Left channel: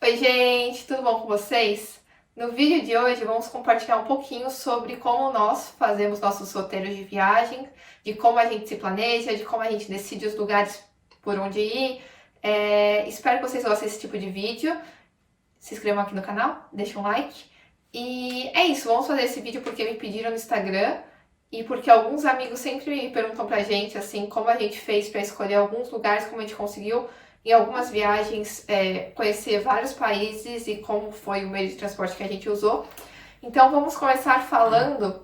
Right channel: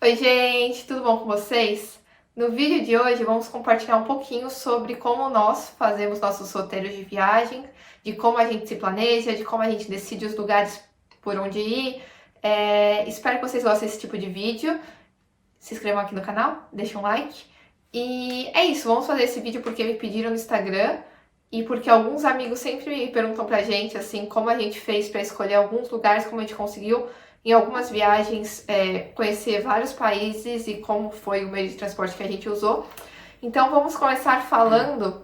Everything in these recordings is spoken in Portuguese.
Oi, gente, tudo bom com vocês? No vídeo de hoje vamos compartilhar um pouquinho sobre como nós fazemos nossos roteiros de viagem, de como a gente se planeja, de como a gente decide os lugares por onde ir. Espero que vocês gostem desse tipo de vídeo. Se inscrevam aqui no canal, deixem um like. E é isso, vamos fazer esse vídeo porque me pediram no Instagram e porque alguns amigos sempre me perguntam pra gente, assim, como a gente fez pra escolher alguns lugares, como a gente conseguiu em algumas viagens conhecer vários países e como foi o meio de transporte que a gente usou. Então vamos começar falando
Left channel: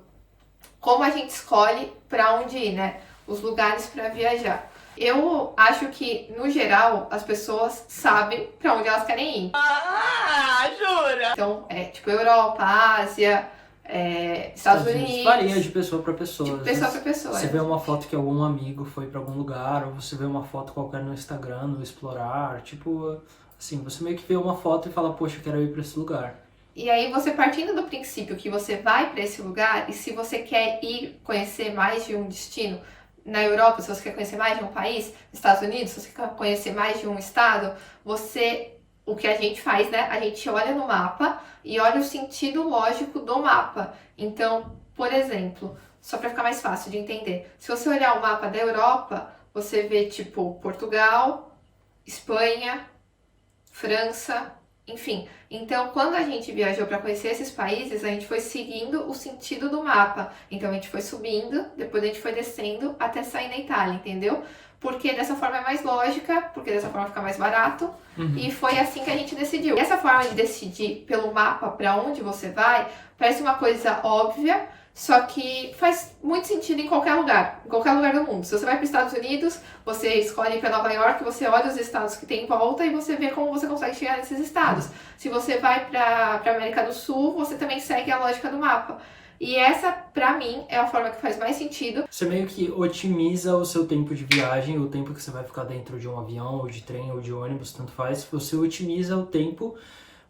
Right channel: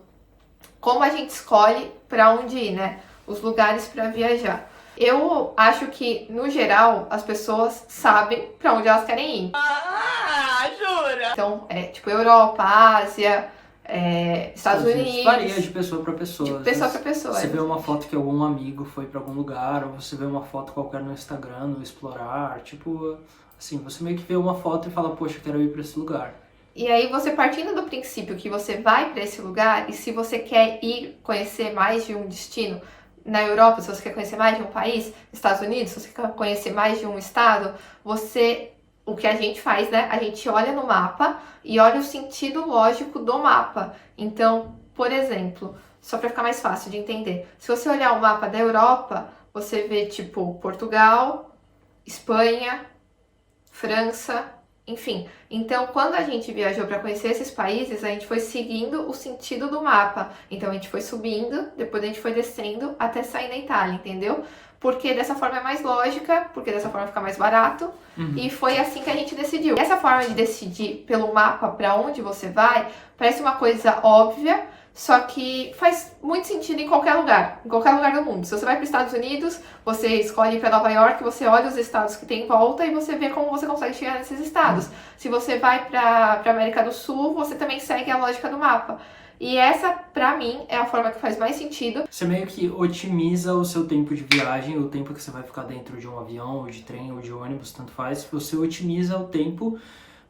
como a gente escolhe para onde ir, né? Os lugares para viajar. Eu acho que, no geral, as pessoas sabem para onde elas querem ir. Ah, jura? Então, tipo Europa, Ásia, Estados Unidos. Varia de pessoa para pessoa. De pessoa para pessoa. Você vê uma foto que algum amigo foi para algum lugar, ou você vê uma foto qualquer no Instagram, no Explorar, tipo, assim, você meio que vê uma foto e fala, poxa, eu quero ir para esse lugar. E aí você partindo do princípio que você vai para esse lugar, e se você quer ir conhecer mais de um destino, na Europa, se você quer conhecer mais de um país, Estados Unidos, se você quer conhecer mais de um estado, o que a gente faz, né? A gente olha no mapa e olha o sentido lógico do mapa. Então, por exemplo, só para ficar mais fácil de entender, se você olhar o mapa da Europa, você vê tipo Portugal, Espanha, França, enfim. Então, quando a gente viajou para conhecer esses países, a gente foi seguindo o sentido do mapa. Então, a gente foi subindo, depois a gente foi descendo até sair na Itália, entendeu? Porque dessa forma é mais lógica, porque dessa forma fica mais barato. E foi assim que a gente decidiu. Essa forma de decidir pelo mapa para onde você vai parece uma coisa óbvia, só que faz muito sentido em qualquer lugar do mundo. Se você vai para os Estados Unidos, você escolhe para Nova York, você olha os estados que tem em volta e você vê como você consegue chegar nesses estados. Se você vai para América do Sul, você também segue a lógica do mapa. E essa, pra mim, é a forma que faz mais sentido. Você meio que otimiza o seu tempo de viagem, o tempo que você vai ficar dentro de um avião, ou de trem, ou de ônibus, tanto faz. Você otimiza o tempo,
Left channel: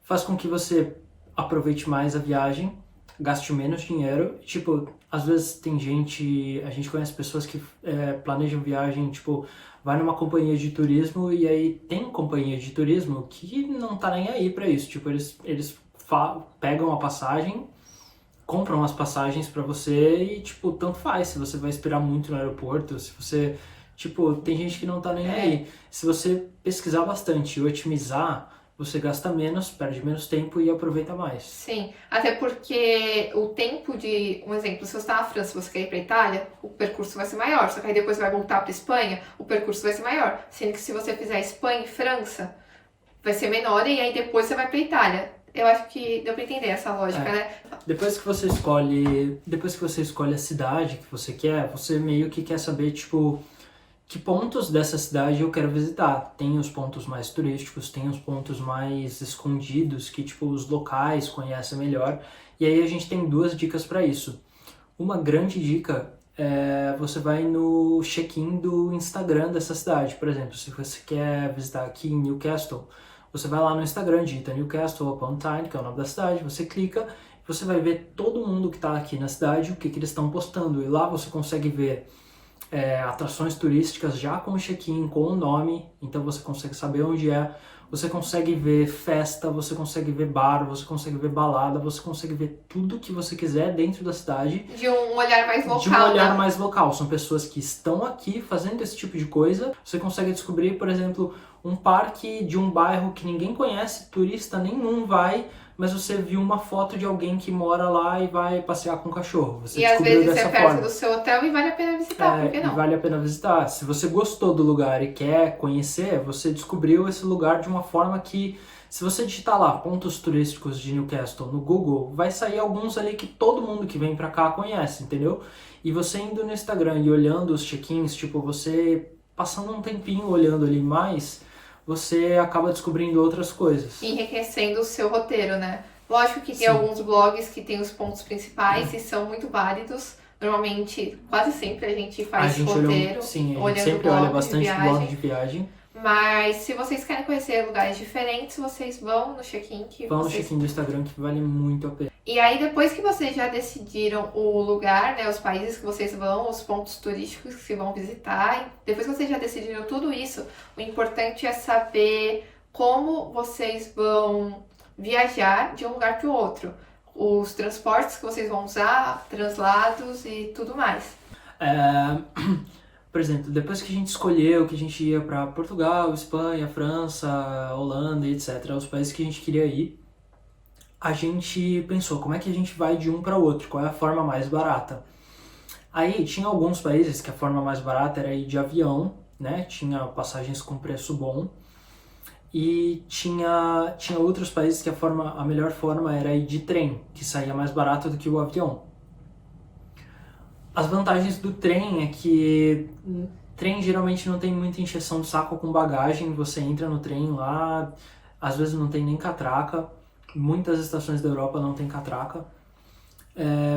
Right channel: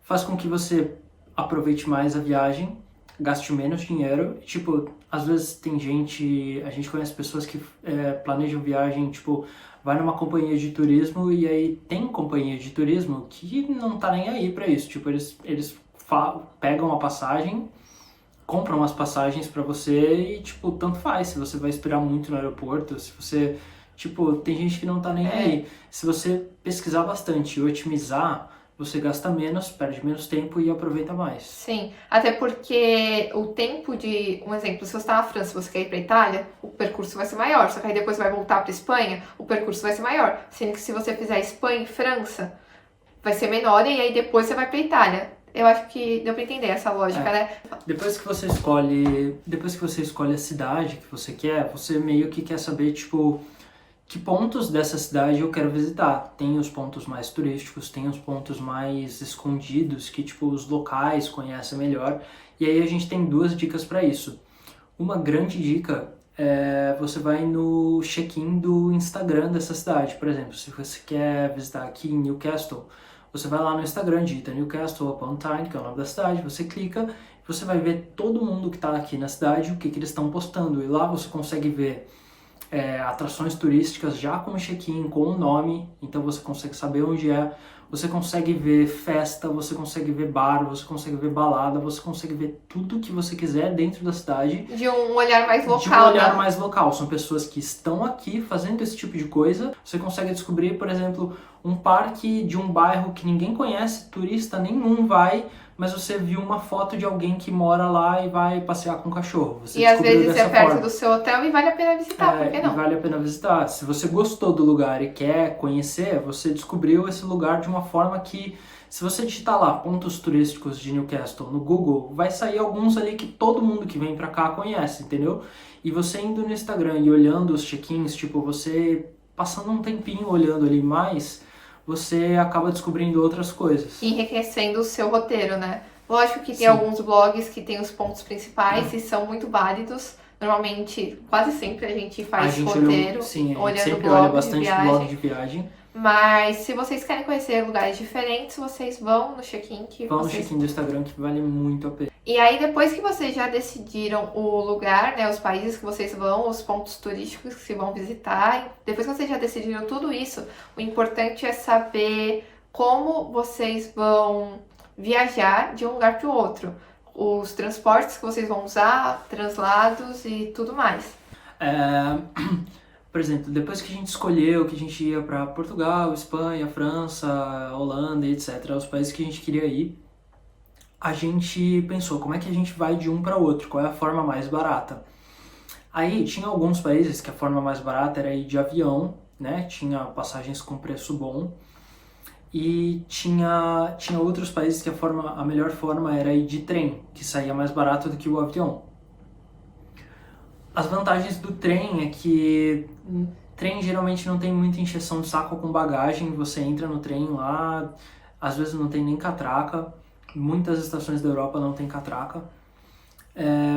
faz com que você aproveite mais a viagem, gaste menos dinheiro. Tipo, às vezes a gente conhece pessoas que planejam viagem, tipo, vai numa companhia de turismo e aí tem companhia de turismo que não tá nem aí pra isso. Tipo, eles pegam a passagem, compram as passagens pra você e, tipo, tanto faz. Se você vai esperar muito no aeroporto, se você... Tipo, tem gente que não tá nem aí. Se você pesquisar bastante e otimizar, você gasta menos, perde menos tempo e aproveita mais. Sim, até porque o tempo de... Um exemplo, se você está na França e você quer ir para Itália, o percurso vai ser maior. Só que aí depois vai voltar para Espanha, o percurso vai ser maior. Sendo que se você fizer Espanha e França, vai ser menor e aí depois você vai para Itália. Eu acho que deu pra entender essa lógica, né? Depois que você escolhe a cidade que você quer, você meio que quer saber, tipo, que pontos dessa cidade eu quero visitar. Tem os pontos mais turísticos, tem os pontos mais escondidos, que, tipo, os locais conhecem melhor. E aí a gente tem duas dicas para isso. Uma grande dica é você vai no check-in do Instagram dessa cidade. Por exemplo, se você quer visitar aqui em Newcastle, você vai lá no Instagram, digita Newcastle upon Tyne, que é o nome da cidade, você clica e você vai ver todo mundo que está aqui na cidade, o que eles estão postando. E lá você consegue ver atrações turísticas já com check-in, com o nome, então você consegue saber onde é. Você consegue ver festa, você consegue ver bar, você consegue ver balada, você consegue ver tudo que você quiser dentro da cidade. De um olhar mais local. De um olhar mais local. São pessoas que estão aqui fazendo esse tipo de coisa. Você consegue descobrir, por exemplo, um parque de um bairro que ninguém conhece, turista nenhum vai, mas você viu uma foto de alguém que mora lá e vai passear com o cachorro. Você descobriu às vezes dessa é perto forma. do seu hotel e vale a pena visitar, por que não? E vale a pena visitar. Se você gostou do lugar e quer conhecer, você descobriu esse lugar de uma forma que, se você digitar lá pontos turísticos de Newcastle no Google, vai sair alguns ali que todo mundo que vem pra cá conhece, entendeu? E você indo no Instagram e olhando os check-ins, tipo, você passando um tempinho olhando ali mais, você acaba descobrindo outras coisas. E enriquecendo o seu roteiro, né? Lógico que tem Sim. alguns blogs que tem os pontos principais e são muito válidos. Normalmente, quase sempre a gente faz roteiro. A gente olhando sempre blog olha de bastante viagem. blog de viagem. Mas se vocês querem conhecer lugares diferentes, vocês vão no check-in que Vão no vocês... check-in do Instagram que vale muito a pena. E aí, depois que vocês já decidiram o lugar, né, os países que vocês vão, os pontos turísticos que vocês vão visitar, depois que vocês já decidiram tudo isso, o importante é saber como vocês vão viajar de um lugar para o outro. Os transportes que vocês vão usar, translados e tudo mais. Por exemplo, depois que a gente escolheu que a gente ia para Portugal, Espanha, França, Holanda, etc., os países que a gente queria ir, a gente pensou como é que a gente vai de um para o outro, qual é a forma mais barata. Aí tinha alguns países que a forma mais barata era ir de avião, né? Tinha passagens com preço bom. E tinha outros países que a melhor forma era ir de trem, que saía mais barato do que o avião. As vantagens do trem é que trem geralmente não tem muita encheção de saco com bagagem, você entra no trem lá, às vezes não tem nem catraca, muitas estações da Europa não tem catraca.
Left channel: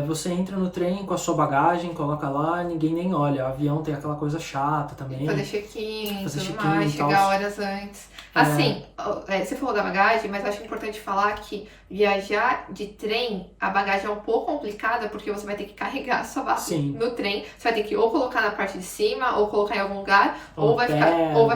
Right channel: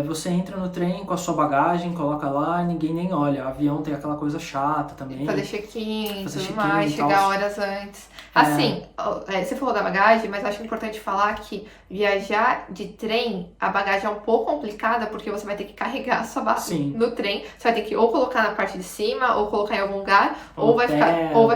Você entra no trem com a sua bagagem, coloca lá, ninguém nem olha. O avião tem aquela coisa chata também. Fazer check-in, tudo mais, chegar horas antes. Assim, você falou da bagagem, mas eu acho importante falar que viajar de trem, a bagagem é um pouco complicada, porque você vai ter que carregar a sua bagagem no trem. Você vai ter que ou colocar na parte de cima, ou colocar em algum lugar, ou vai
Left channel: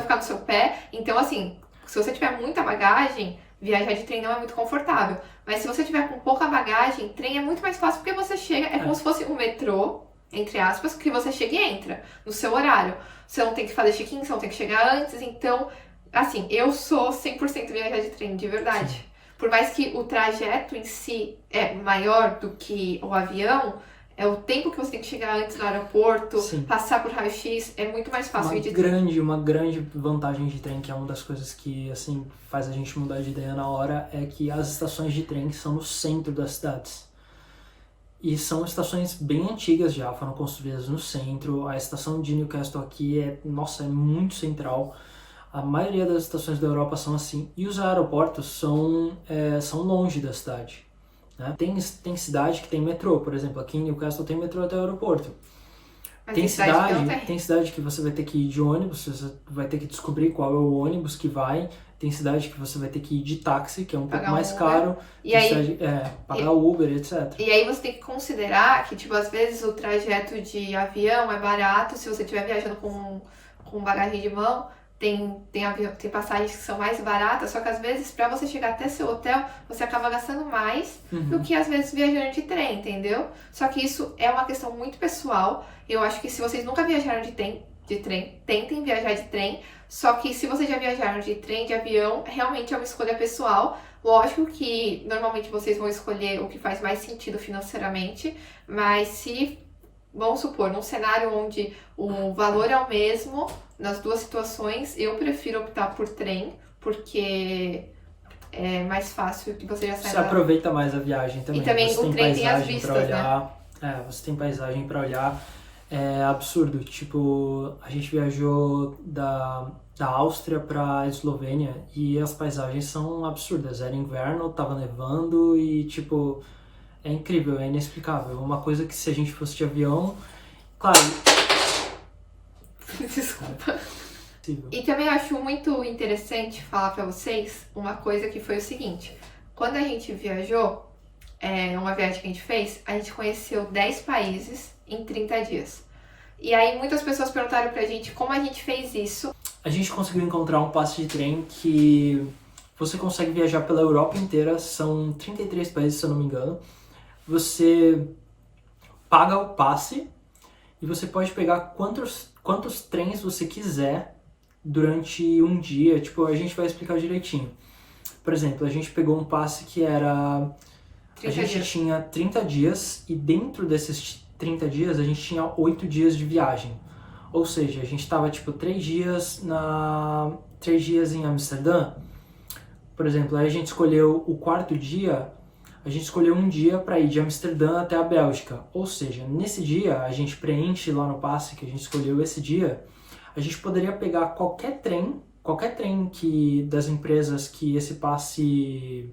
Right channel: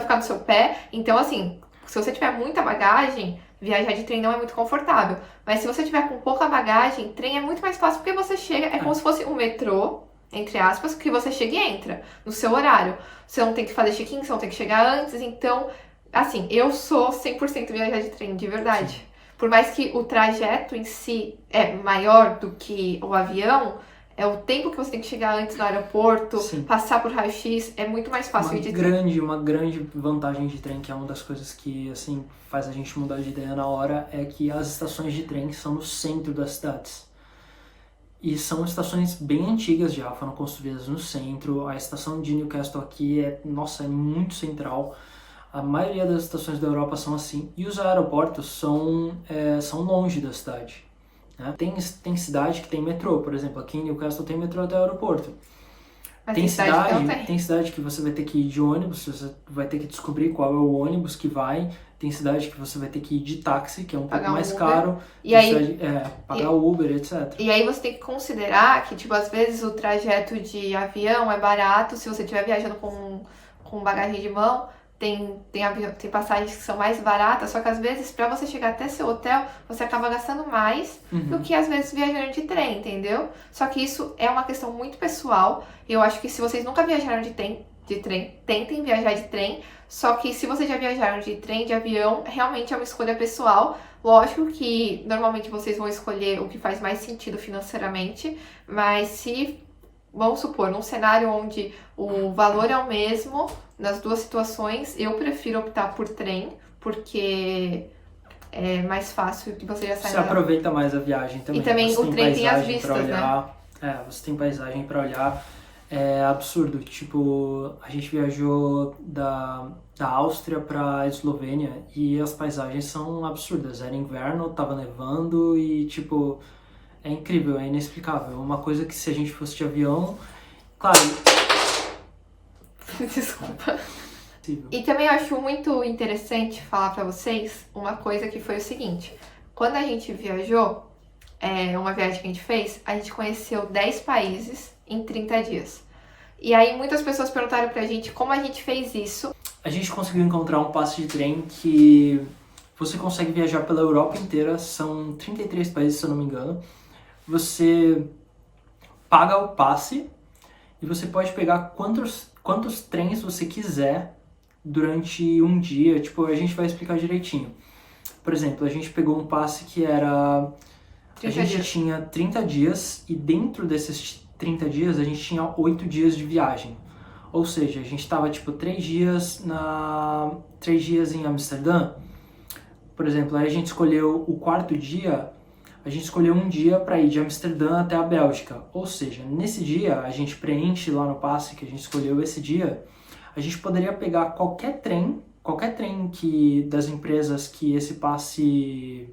ficar no seu pé. Então, assim, se você tiver muita bagagem, viajar de trem não é muito confortável. Mas se você tiver com pouca bagagem, trem é muito mais fácil, porque você chega, é como se fosse um metrô, entre aspas, que você chega e entra no seu horário. Você não tem que fazer check-in, você não tem que chegar antes. Então, assim, eu sou 100% viajar de trem, de verdade. Sim. Por mais que o trajeto em si é maior do que o avião, é o tempo que você tem que chegar antes no aeroporto, passar por raio-x, é muito mais fácil. Uma grande vantagem de trem, que é uma das coisas que, assim, faz a gente mudar de ideia na hora, é que as estações de trem são no centro das cidades. E são estações bem antigas já, foram construídas no centro. A estação de Newcastle aqui é muito central. A maioria das estações da Europa são assim. E os aeroportos são longe da cidade. Tem cidade que tem metrô, por exemplo, aqui em Newcastle tem metrô até o aeroporto. Tem cidade que você vai ter que ir de ônibus, você vai ter que descobrir qual é o ônibus que vai. Tem cidade que você vai ter que ir de táxi, que é um pouco mais caro. E aí, pagar Uber, etc. E aí você tem que considerar que, tipo, às vezes o trajeto de avião é barato se você estiver viajando com bagagem de mão. Tem passagens que são mais baratas, só que às vezes pra você chegar até seu hotel, você acaba gastando mais do que às vezes viajando de trem, entendeu? Só que isso é uma questão muito pessoal, e eu acho que se vocês nunca viajaram de trem, tentem viajar de trem, só que se vocês já viajaram de trem, de avião, realmente é uma escolha pessoal. Lógico que normalmente vocês vão escolher o que faz mais sentido financeiramente, mas se, vamos supor, num cenário onde o valor é o mesmo, nas duas situações, eu prefiro optar por trem, porque é mais fácil que você já saia. Você aproveita mais a viagem também. E também você o tem trem paisagem tem as vistas, pra olhar. Você tem paisagem pra olhar. É absurdo. Tipo, a gente viajou da Áustria pra Eslovênia e as paisagens são absurdas. Era inverno, tava nevando e, tipo, é incrível, é inexplicável. Uma coisa que se a gente fosse de avião, claro. Desculpa. E também eu acho muito interessante falar pra vocês uma coisa que foi o seguinte. Quando a gente viajou, uma viagem que a gente fez, a gente conheceu 10 países em 30 dias. E aí muitas pessoas perguntaram pra gente como a gente fez isso. A gente conseguiu encontrar um passe de trem que você consegue viajar pela Europa inteira. São 33 países, se eu não me engano. Você paga o passe e você pode pegar quantos trens você quiser durante um dia. Tipo, a gente vai explicar direitinho. Por exemplo, a gente pegou um passe que era... A gente tinha 30 dias e dentro desses 30 dias a gente tinha 8 dias de viagem. Ou seja, a gente estava tipo 3 dias em Amsterdã. Por exemplo, aí a gente escolheu o quarto dia, a gente escolheu um dia para ir de Amsterdã até a Bélgica. Ou seja, nesse dia a gente preenche lá no passe que a gente escolheu esse dia, a gente poderia pegar qualquer trem das empresas que esse passe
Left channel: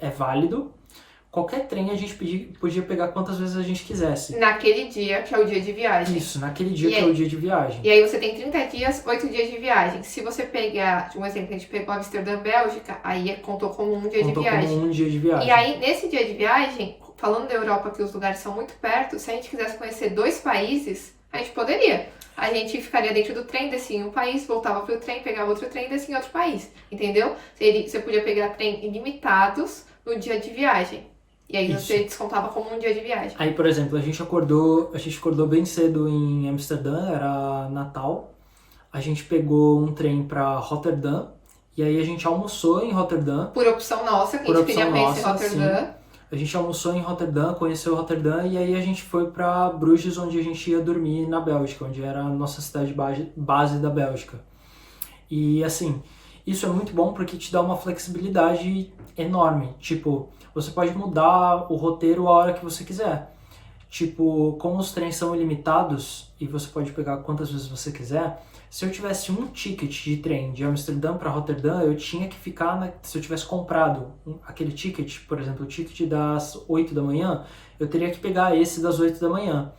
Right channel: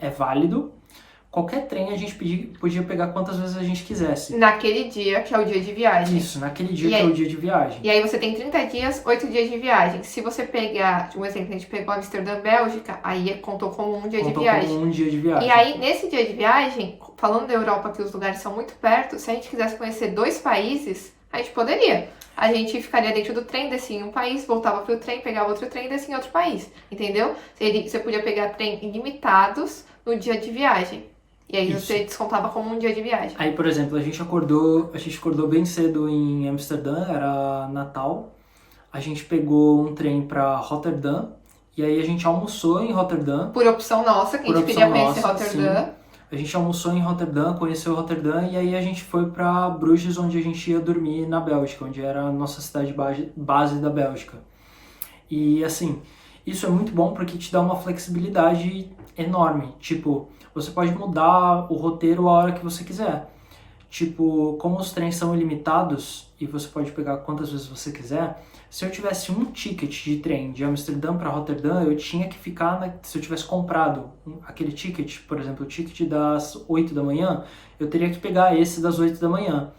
é válido. Qualquer trem a gente podia pegar quantas vezes a gente quisesse. Naquele dia, que é o dia de viagem. Isso, naquele dia que é o dia de viagem. E aí você tem 30 dias, 8 dias de viagem. Se você pegar, um exemplo, a gente pegou Amsterdã, Bélgica, aí contou como um dia de viagem. Como um dia de viagem. E aí, nesse dia de viagem, falando da Europa, que os lugares são muito perto, se a gente quisesse conhecer 2 países, a gente poderia. a gente ficaria dentro do trem, descia em um país, voltava pro trem, pegava outro trem e descia em outro país, entendeu? Você podia pegar trem ilimitados no dia de viagem. E aí Isso. você descontava como um dia de viagem. Aí, por exemplo, a gente acordou bem cedo em Amsterdã, era Natal. A gente pegou um trem para Rotterdam e aí a gente almoçou em Rotterdam. Por opção nossa, que Por a gente queria opção conhecer nossa, Rotterdam. A gente almoçou em Rotterdam, conheceu Rotterdam e aí a gente foi para Bruges, onde a gente ia dormir na Bélgica, onde era a nossa cidade base da Bélgica. E assim, isso é muito bom porque te dá uma flexibilidade enorme. Tipo, você pode mudar o roteiro a hora que você quiser. Tipo, como os trens são ilimitados e você pode pegar quantas vezes você quiser, se eu tivesse um ticket de trem de Amsterdã para Rotterdam, eu tinha que ficar, se eu tivesse comprado aquele ticket, por exemplo, o ticket das 8 da manhã, eu teria que pegar esse das 8 da manhã.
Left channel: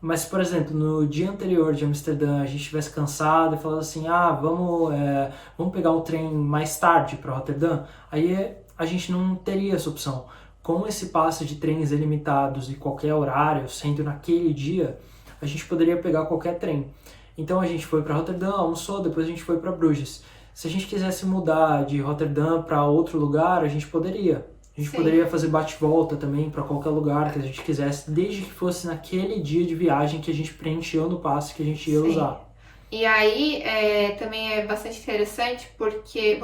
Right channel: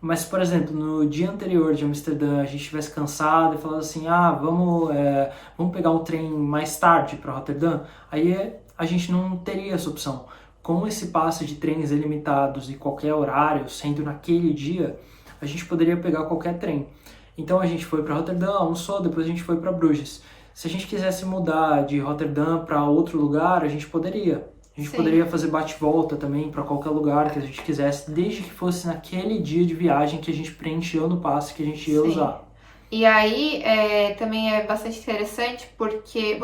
Mas, por exemplo, no dia anterior de Amsterdã, a gente estivesse cansado e falasse assim, vamos pegar um trem mais tarde para Rotterdam, aí a gente não teria essa opção. Com esse passe de trens ilimitados e qualquer horário, sendo naquele dia, a gente poderia pegar qualquer trem. Então a gente foi para Rotterdam, almoçou, depois a gente foi para Bruges. Se a gente quisesse mudar de Rotterdam para outro lugar, a gente poderia. A gente poderia fazer bate-volta também para qualquer lugar que a gente quisesse, desde que fosse naquele dia de viagem que a gente preencheu no passe que a gente ia usar. E aí também é bastante interessante porque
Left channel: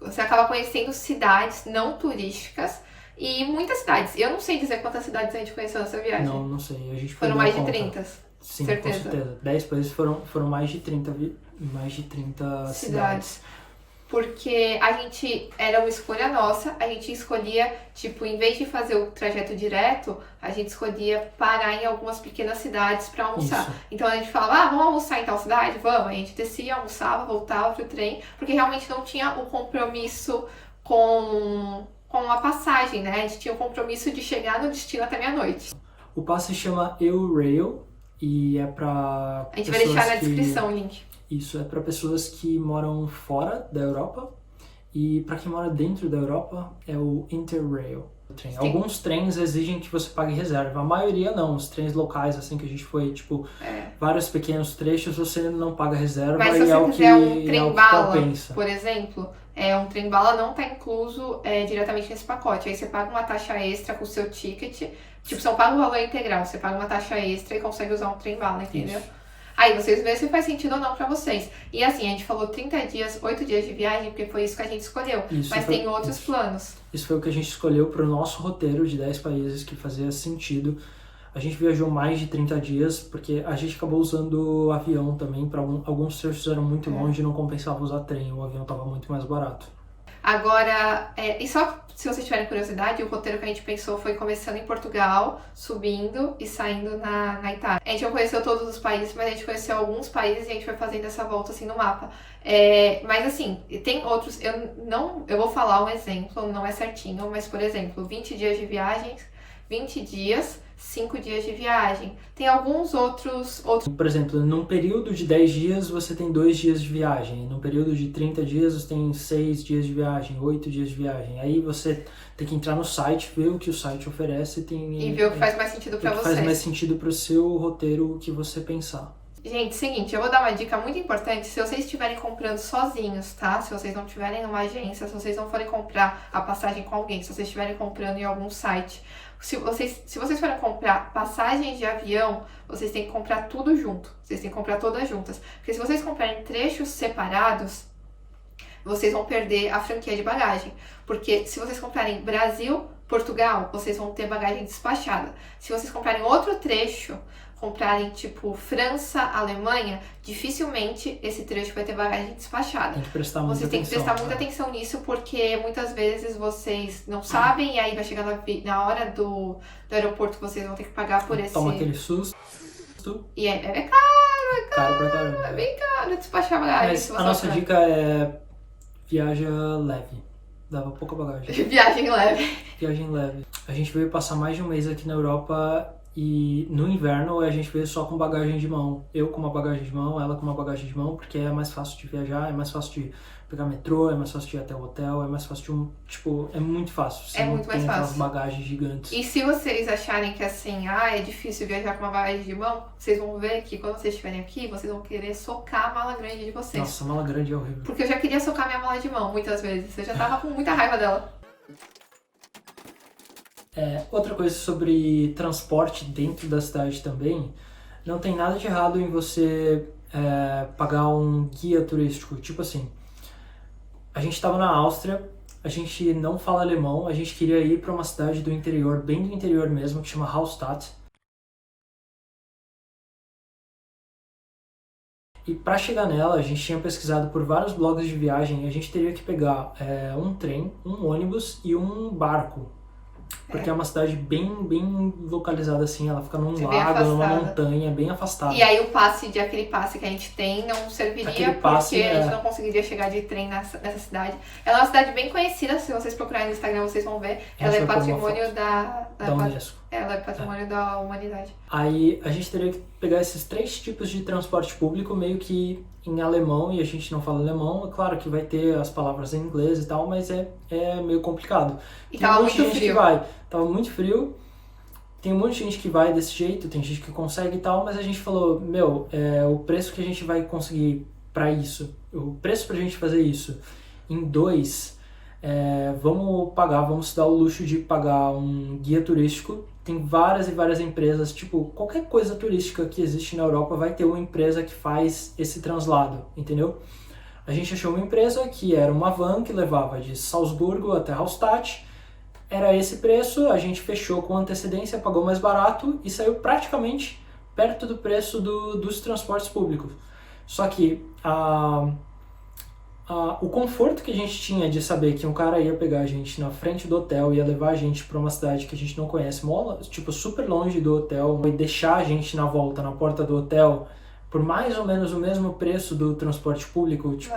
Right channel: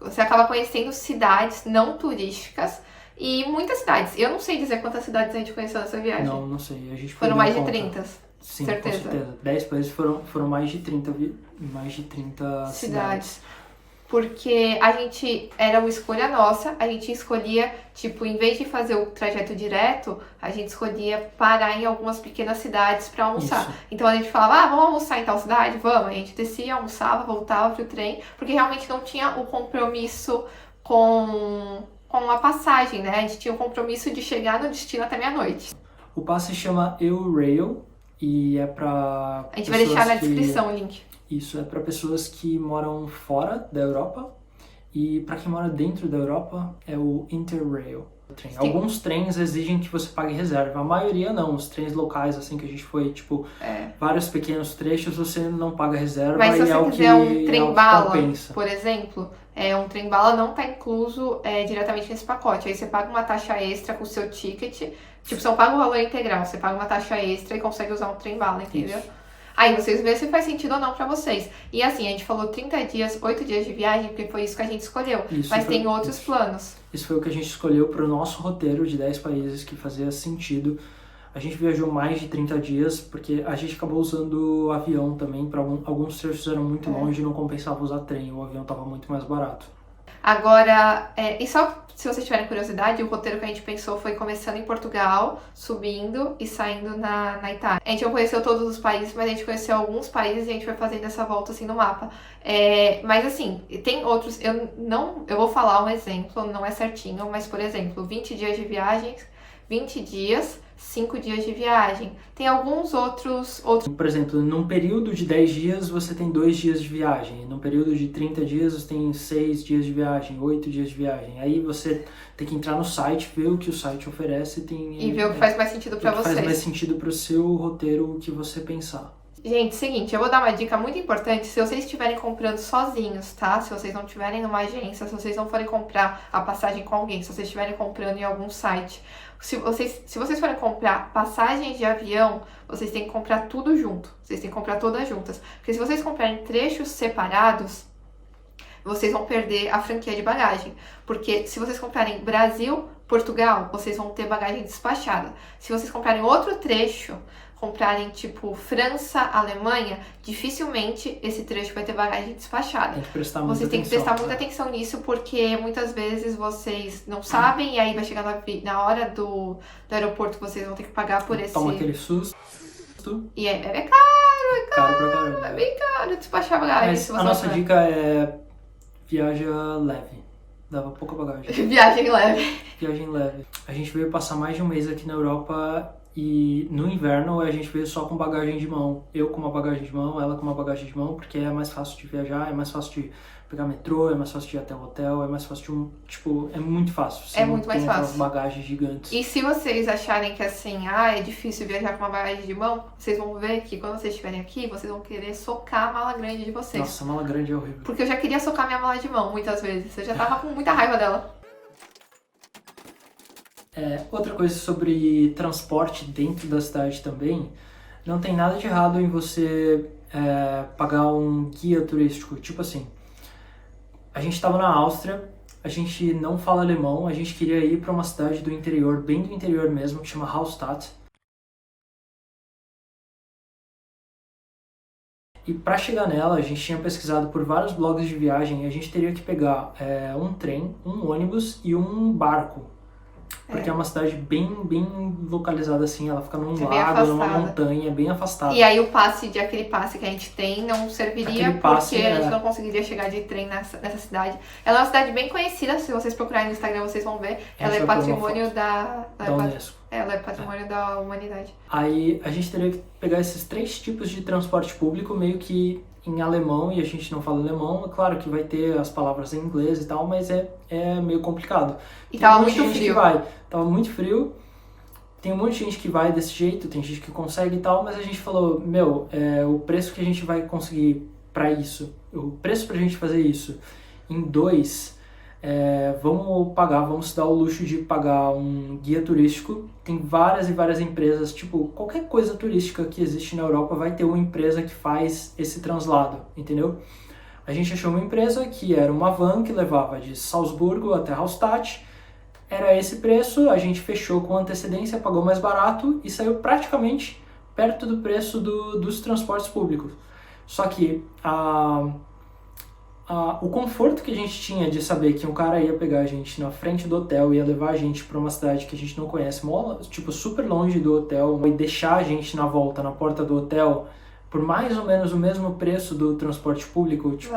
você acaba conhecendo cidades não turísticas e muitas cidades. Eu não sei dizer quantas cidades a gente conheceu nessa viagem. Não sei. A gente foram mais de 30. Sim, certeza. Com certeza. 10 países foram mais de 30 cidades. Porque a gente, era uma escolha nossa, a gente escolhia, tipo, em vez de fazer o trajeto direto, a gente escolhia parar em algumas pequenas cidades pra almoçar. Isso. Então a gente falava, vamos almoçar em tal cidade? Vamos. A gente descia, almoçava, voltava pro trem, porque realmente não tinha o compromisso com a passagem, né? A gente tinha o compromisso de chegar no destino até meia-noite. O passe se chama Eurail e é pra A gente vai deixar na descrição o link. Isso, é para pessoas que moram fora da Europa e para quem mora dentro da Europa é o Interrail. Alguns trens exigem que você pague reserva, a maioria não. Os trens locais, assim, que a gente foi, tipo, vários pequenos trechos, você não paga reserva. Mas se e você quiser um trem-bala, compensa. por exemplo, um trem-bala não está incluso diretamente nesse pacote. Aí você paga uma taxa extra com o seu ticket. Tipo, você não paga o valor integral, você paga uma taxa extra e consegue usar um trem-bala, entendeu? Isso. Aí vocês veem se faz sentido ou não pra vocês. E assim, a gente falou 30 dias, 8 dias de viagem, porque foi isso que a gente escolheu. Mas tem outros planos. Isso foi o que a gente escolheu para o nosso roteiro de 10 países que fazia sentido. A gente viajou mais de 30 dias, porque a gente acabou usando avião também. Para alguns trechos eram muito longe e não compensava usar trem, o avião estava muito mais barato. Agora, e só se vocês tiverem curiosidade, o roteiro que a gente pensou foi começando em Portugal, subindo e saindo na Itália. A gente não conheceu todos os países, mas a gente conheceu alguns países e a gente vai fazendo essa volta assim no mapa. Mas assim, tem outros, eu vou falar um exemplo, não é certinho, mas por exemplo, 20 dias de viagens, 20 dias, 5 dias de viagem. Tem alguns outros... Por exemplo, num período de 10 dias você tem 2 dias de viagem. Num período de 30 dias você tem 6 dias de viagem, 8 dias de viagem. Aí você tem que entrar no site, ver o que o site oferece e ver o que faz mais sentido pra vocês. Faz mais sentido pro seu roteiro, o que você pensar. Gente, seguinte, eu vou dar uma dica muito importante se vocês estiverem comprando sozinhos, tá? Se vocês não tiverem numa agência, se vocês não forem comprar a passagem com alguém, se vocês estiverem comprando em algum site. Se vocês forem comprar passagens de avião, vocês têm que comprar tudo junto. Vocês têm que comprar todas juntas. Porque se vocês comprarem trechos separados, vocês vão perder a franquia de bagagem. Porque se vocês comprarem Brasil, Portugal, vocês vão ter bagagem despachada. Se vocês comprarem outro trecho, comprarem tipo França, Alemanha, dificilmente esse trecho vai ter bagagem despachada. Tem que prestar muita Vocês têm que prestar muita atenção nisso, porque muitas vezes vocês não sabem e aí vai chegar na hora do aeroporto, vocês vão ter que pagar por esse... Toma aquele susto. E é caro, Caro pra caramba. é bem caro despachar bagagem. Mas a nossa dica é viaja leve. Dava pouca bagagem. Viagem leve. Viagem leve. A gente veio passar mais de um mês aqui na Europa E no inverno a gente veio só com bagagem de mão. Eu com uma bagagem de mão, ela com uma bagagem de mão, porque é mais fácil de viajar, é mais fácil de pegar metrô, é mais fácil de ir até o hotel, é mais fácil de tipo, é muito fácil. Você É não muito mais tem aquelas fácil. bagagens gigantes. E se vocês acharem que assim, é difícil viajar com uma bagagem de mão, vocês vão ver que quando vocês estiverem aqui, vocês vão querer socar a mala grande de vocês. Nossa, a mala grande é horrível. Porque eu já queria socar minha mala de mão muitas vezes. Eu já tava com muita raiva dela. Outra coisa sobre transporte dentro da cidade também, não tem nada de errado em você pagar um guia turístico. Tipo assim, a gente estava na Áustria, a gente não fala alemão, a gente queria ir para uma cidade do interior, bem do interior mesmo, que chama Hallstatt. E para chegar nela, a gente tinha pesquisado por vários blogs de viagem e a gente teria que pegar um trem, um ônibus e um barco. Porque é uma cidade bem localizada assim, ela fica num É bem lago, numa afastada. montanha, bem afastada. E aí aquele passe que a gente tem não serviria Aquele passe, porque a gente não conseguiria chegar de trem nessa cidade. Ela é uma cidade bem conhecida, se vocês procurarem no Instagram vocês vão ver. A Ela gente é vai pôr uma patrimônio da Unesco. Ela é patrimônio da humanidade. Aí a gente teria que pegar esses 3 tipos de transporte público meio que em alemão, e a gente não fala alemão. É claro que vai ter as palavras em inglês e tal, mas é meio complicado. E Tem tava um monte de muito gente que frio. vai. Tava muito frio. Tem um monte de gente que vai desse jeito, tem gente que consegue e tal, mas a gente falou, o preço que a gente vai conseguir pra isso, o preço pra gente fazer isso em 2, vamos se dar o luxo de pagar um guia turístico. Tem várias e várias empresas, tipo, qualquer coisa turística que existe na Europa vai ter uma empresa que faz esse translado, entendeu? A gente achou uma empresa que era uma van que levava de Salzburgo até Hallstatt. Era esse preço, a gente fechou com antecedência, pagou mais barato e saiu praticamente perto do preço dos transportes públicos. Só que o conforto que a gente tinha de saber que um cara ia pegar a gente na frente do hotel, ia levar a gente para uma cidade que a gente não conhece, tipo super longe do hotel, e deixar a gente na volta, na porta do hotel, por mais ou menos o mesmo preço do transporte público, tipo,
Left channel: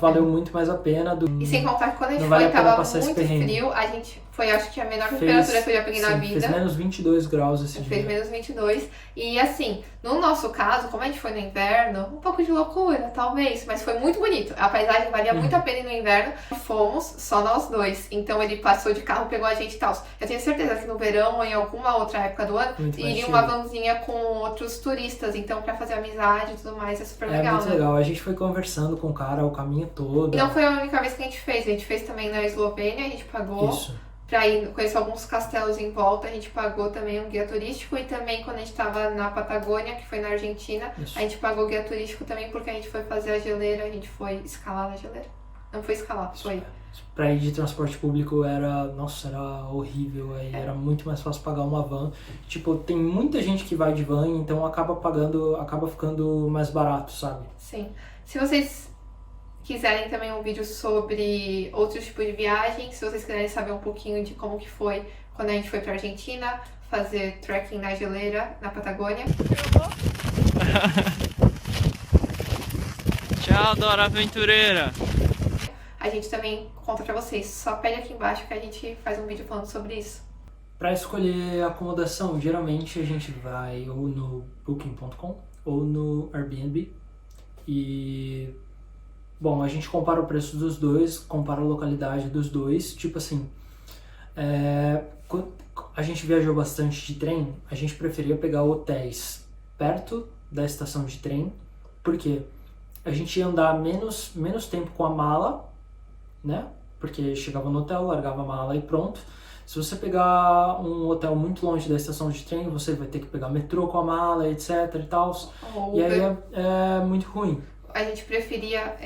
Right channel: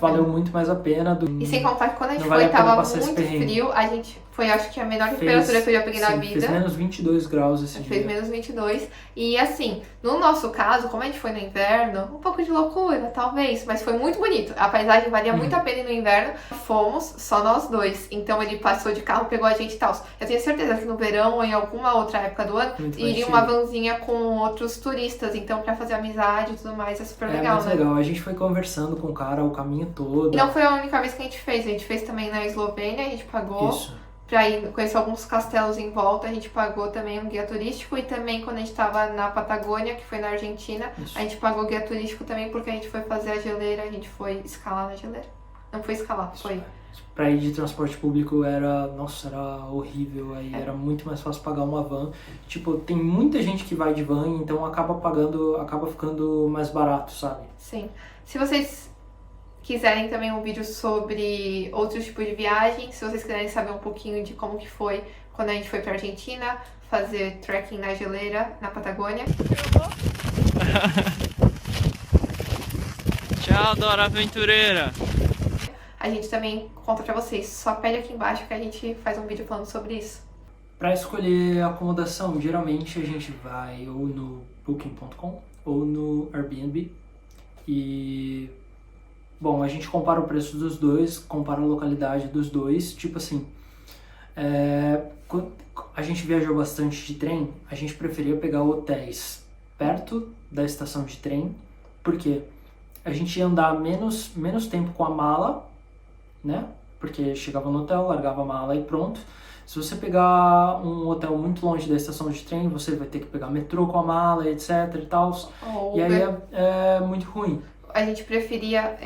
valeu muito mais a pena. E sem contar que quando a gente não vale foi, a pena tava passar esse muito perrengue. frio, a gente foi, acho que a menor temperatura que eu já peguei na vida. Fez menos 22 graus esse Fez dia. menos 22. E assim, no nosso caso, como a gente foi no inverno, um pouco de loucura, talvez, mas foi muito bonito. A paisagem valia muito a pena ir no inverno. Fomos só nós dois. Então ele passou de carro, pegou a gente e tal. Eu tenho certeza que no verão ou em alguma outra época do ano, Muito mais iria uma chique. vanzinha com outros turistas. Então, pra fazer amizade e tudo mais, é super legal, Muito né? legal. A gente foi conversando com o cara o caminho todo. E não foi a única vez que a gente fez. A gente fez também na Eslovênia, a gente pagou. Isso. Pra ir conhecer alguns castelos em volta, a gente pagou também um guia turístico. E também quando a gente tava na Patagônia, que foi na Argentina, Isso. a gente pagou guia turístico também porque a gente foi fazer a geleira, a gente foi escalar na geleira. Não foi escalar, foi. Pra ir de transporte público era horrível, aí era muito mais fácil pagar uma van. Tipo, tem muita gente que vai de van, então acaba ficando mais barato, sabe? Sim. Se vocês quiserem também um vídeo sobre outros tipos de viagem, se vocês quiserem saber um pouquinho de como que foi quando a gente foi pra Argentina, fazer trekking na geleira, na Patagônia. Tchau, Dora Aventureira! A gente também conta pra vocês. Só pede aqui embaixo que a gente faz um vídeo falando sobre isso. Para escolher acomodação, geralmente a gente vai ou no Booking.com ou no Airbnb. E, bom, a gente compara o preço dos dois, compara a localidade dos dois. Tipo assim, quando a gente viajou bastante de trem, a gente preferia pegar hotéis perto da estação de trem, porque a gente ia andar menos tempo com a mala, né? Porque chegava no hotel, largava a mala e pronto. Se você pegar um hotel muito longe da estação de trem, você vai ter que pegar metrô com a mala, etc e tal. E aí é muito ruim. A gente preferia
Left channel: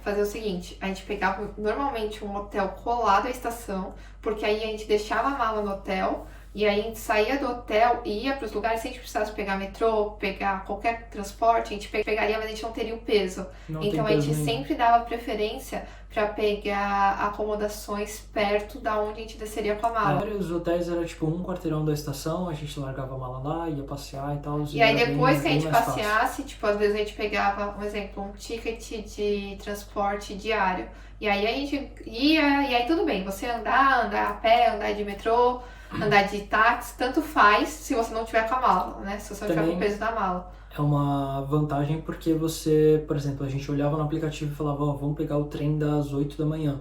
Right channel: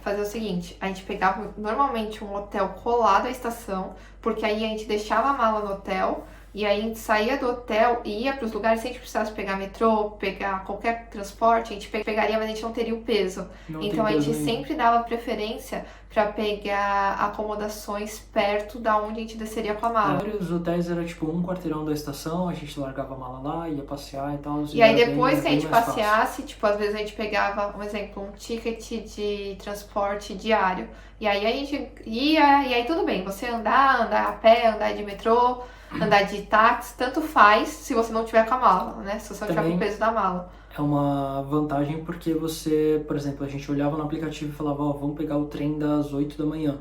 fazer o seguinte, a gente pegava normalmente um hotel colado à estação, porque aí a gente deixava a mala no hotel, e aí a gente saía do hotel e ia para os lugares, se a gente precisasse pegar metrô, pegar qualquer transporte, a gente pegaria, mas a gente não teria o peso. Então a gente sempre dava preferência pra pegar acomodações perto da onde a gente desceria com a mala. Os hotéis era tipo um quarteirão da estação, a gente largava a mala lá, ia passear e tal. E aí era depois que a bem gente mais fácil. passeasse, tipo, às vezes a gente pegava, um exemplo, um ticket de transporte diário. E aí a gente ia, e aí tudo bem, você andar a pé, andar de metrô, andar de táxi, tanto faz se você não tiver com a mala, né? Se você não tiver com o peso da mala. É uma vantagem porque você, por exemplo, a gente olhava no aplicativo e falava, ó, vamos pegar o trem das 8 da manhã.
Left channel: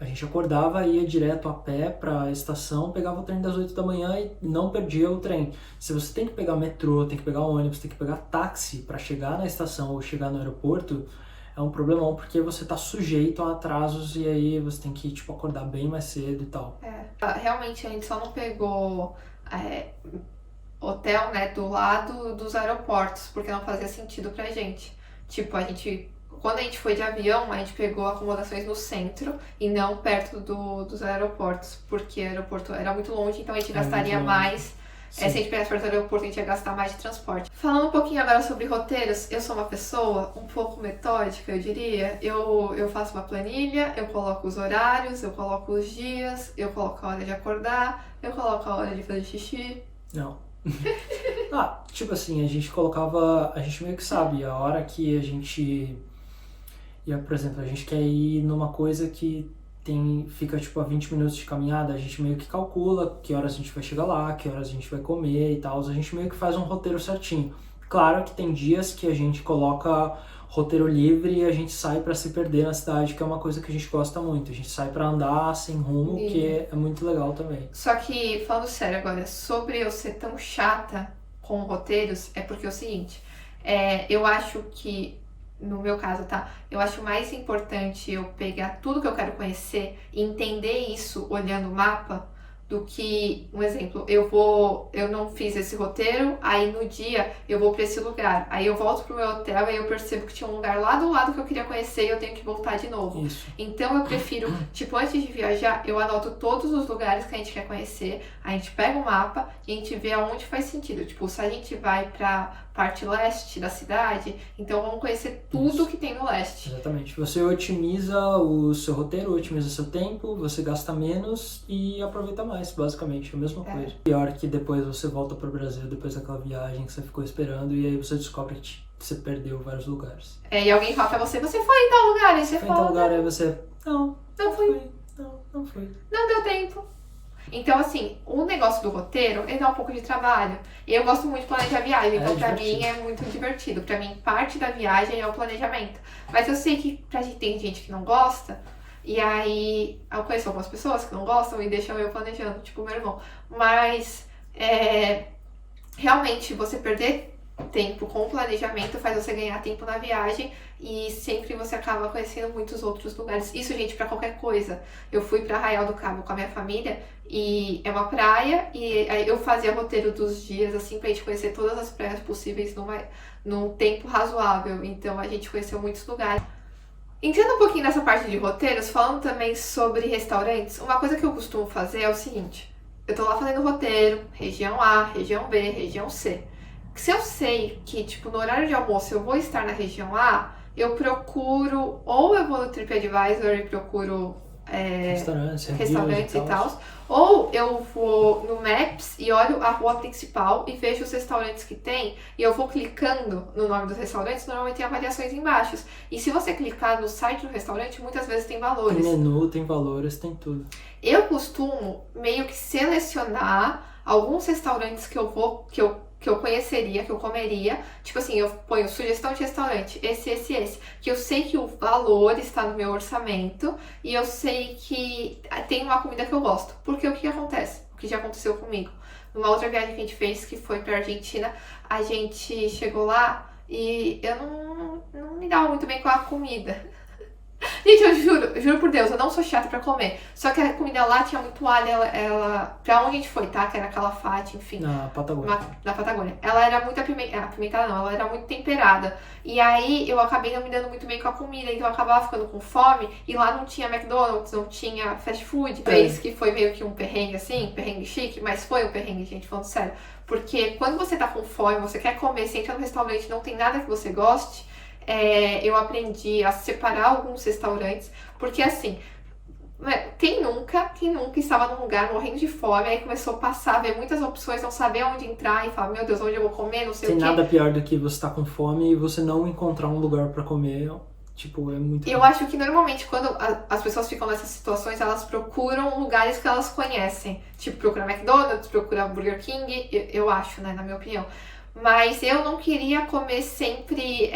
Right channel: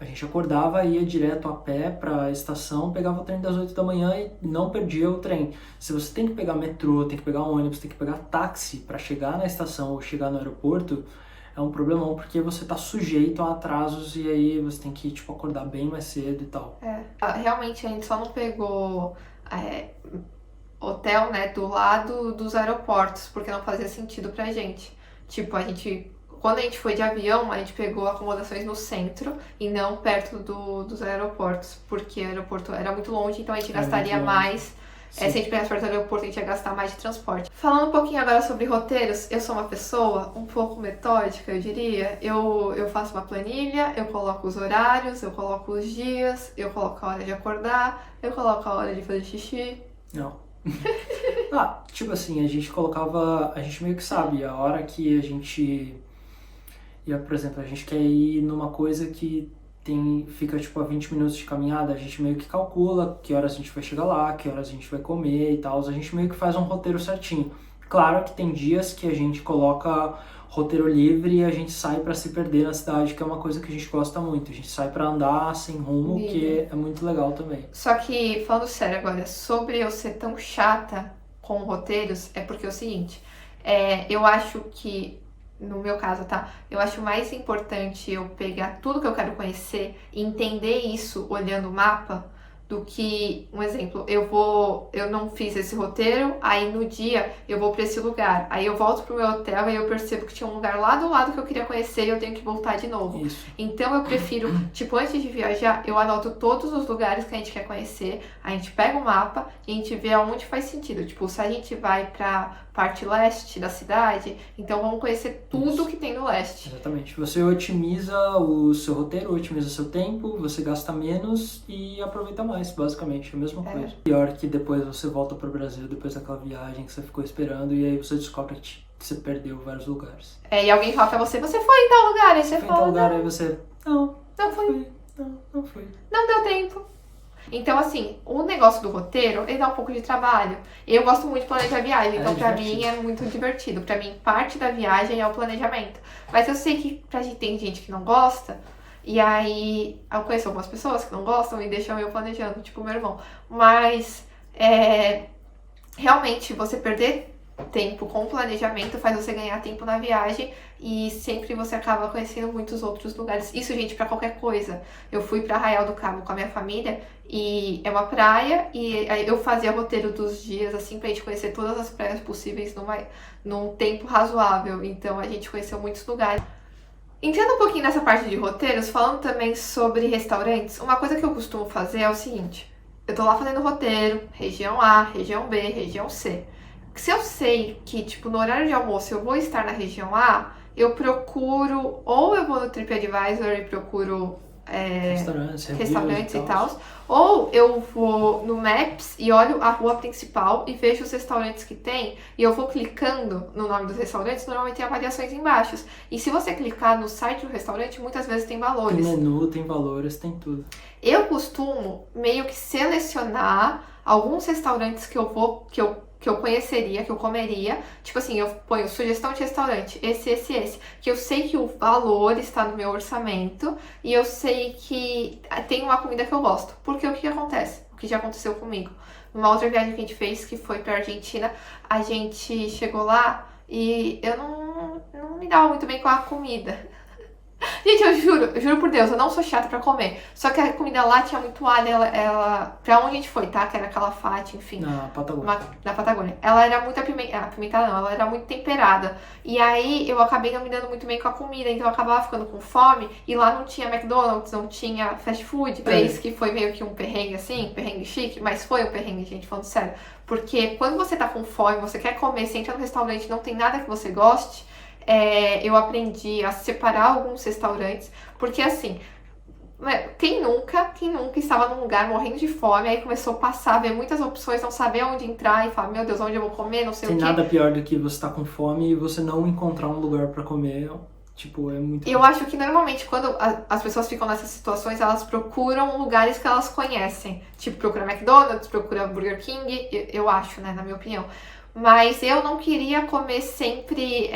A gente acordava, ia direto a pé para a estação, pegava o trem das 8 da manhã e não perdia o trem. Se você tem que pegar metrô, tem que pegar ônibus, tem que pegar táxi para chegar na estação ou chegar no aeroporto, é um problemão porque você tá sujeito a atrasos e aí você tem que, tipo, acordar bem mais cedo e tal. Realmente a gente só não pegou hotel, né, do lado dos aeroportos, porque não fazia sentido pra gente. Tipo, quando a gente foi de avião, a gente pegou acomodações no centro e não perto dos aeroportos, porque o aeroporto era muito longe, então a gente gastaria mais. Se a gente pegasse perto do aeroporto, a gente ia gastar mais de transporte. Falando um pouquinho agora sobre roteiros, eu sou uma pessoa um pouco metódica, eu diria. Eu faço uma planilha, eu coloco os horários, eu coloco os dias, eu coloco a hora de acordar, eu coloco a hora de fazer xixi. Não. Tipo assim, a gente meio que sabe a hora que a gente ia, por exemplo, a gente quer ir numa coisa que fica tipo a 20 minutos de caminhada, a gente meio que calcula que horas a gente vai chegar lá, que horas a gente vai comer e tal, a gente meio que faz um roteiro certinho. Claro que tem dias que a gente coloca roteiro livre e a gente sai pra se perder na cidade, que é uma coisa que a gente gosta muito. A gente sai pra andar sem rumo, que é muito legal também. Só que, falando sério agora, sobre eu ser tão chata com roteiros, é porque é o seguinte, eu acho que, no meu caso, tá? Eu acho mais importante eu pegar tudo que eu quero conhecer e entender isso olhando o mapa, do que, um exemplo, eu não fiz esse roteiro, aí no dia eu vou pra esse lugar, aí eu volto pro meu hotel e eu percebo que tinha um lugar lá do lado que eu queria conhecer e eu tenho que voltar de novo. Isso. Então eu prefiro, tipo, antes de viajar, eu anoto todos os lugares que a gente quer conhecer, a gente pega o mapa e a gente vê aonde faz sentido. Tipo, se a gente vai pra parte leste da cidade, então vamos conhecer tudo que tem no leste. Exatamente. Você otimiza o seu roteiro, otimiza o seu tempo, você gasta menos e aproveita mais, basicamente, é a mesma coisa. Pior que depois você volta pro Brasil, depois daquela viagem que você ficou esperando, e aí você descobre que você perdeu vários lugares. E alguém fala pra você foi em tal lugar, e você foi em tal lugar, aí você, não fui. Não deu tempo. Então, assim, o negócio do roteiro, ele dá um pouco de trabalho. Eu gosto muito de planejar viagem, então pra mim é muito divertido. Pra mim, parte da viagem é o planejamento. Mas eu sei que tem gente que não gosta, e aí eu conheço algumas pessoas que não gostam e deixam eu planejando, tipo meu irmão. Mas, realmente, você perder tempo com o planejamento faz você ganhar tempo na viagem e sempre você acaba conhecendo muitos outros lugares. Isso, gente, pra qualquer coisa. Eu fui pra Arraial do Cabo com a minha família e é uma praia e aí eu fazia roteiro dos dias assim pra gente conhecer todas as praias possíveis num tempo razoável. Então a gente conheceu muitos lugares. Entrando um pouquinho nessa parte de roteiros, falando também sobre restaurantes, uma coisa que eu costumo fazer é o seguinte: eu tô lá fazendo roteiro, região A, região B, região C. Se eu sei que, tipo, no horário de almoço eu vou estar na região A, eu procuro, ou eu vou no TripAdvisor e procuro restaurantes e tal, ou eu vou no Maps e olho a rua principal e vejo os restaurantes que tem, e eu vou clicando no nome dos restaurantes, normalmente tem avaliações embaixo. E se você clicar no site do restaurante, muitas vezes tem valores. Tem menu, tem valores, tem tudo. Eu costumo meio que selecionar alguns restaurantes que eu conheceria, que eu comeria. Tipo assim, eu ponho sugestão de restaurante, esse. Que eu sei que o valor está no meu orçamento e eu sei que tem uma comida que eu gosto. Porque o que acontece? O que já aconteceu comigo? Numa outra viagem que a gente fez, que foi pra Argentina, a gente chegou lá e eu não me dava muito bem com a comida. Gente, eu juro por Deus, eu não sou chata pra comer. Só que a comida lá tinha muito alho, pra onde a gente foi, tá? Que era Calafate, enfim. Na Patagônia. Na Patagônia. Ela era muito apimentada, não, ela era muito temperada. E aí eu acabei não me dando muito bem com a comida, então eu acabava ficando com fome. E lá não tinha McDonald's, não tinha fast food. É isso que foi meio que um perrengue assim, perrengue chique, mas foi um perrengue, gente, falando sério. Porque quando você tá com fome, você quer comer, você entra no restaurante, não tem nada que você goste. Eu aprendi a separar alguns restaurantes, Porque assim, quem nunca estava num lugar morrendo de fome, aí começou a passar, ver muitas opções, não saber onde entrar e falar, meu Deus, onde eu vou comer, não sei Tem o quê. nada pior do que você estar com fome e você não encontrar um lugar pra comer. Tipo, é muito... E eu acho que normalmente quando as pessoas ficam nessas situações, elas procuram lugares que elas conhecem. Tipo, procura McDonald's, procura Burger King, eu acho, né, na minha opinião. Mas eu não queria comer sempre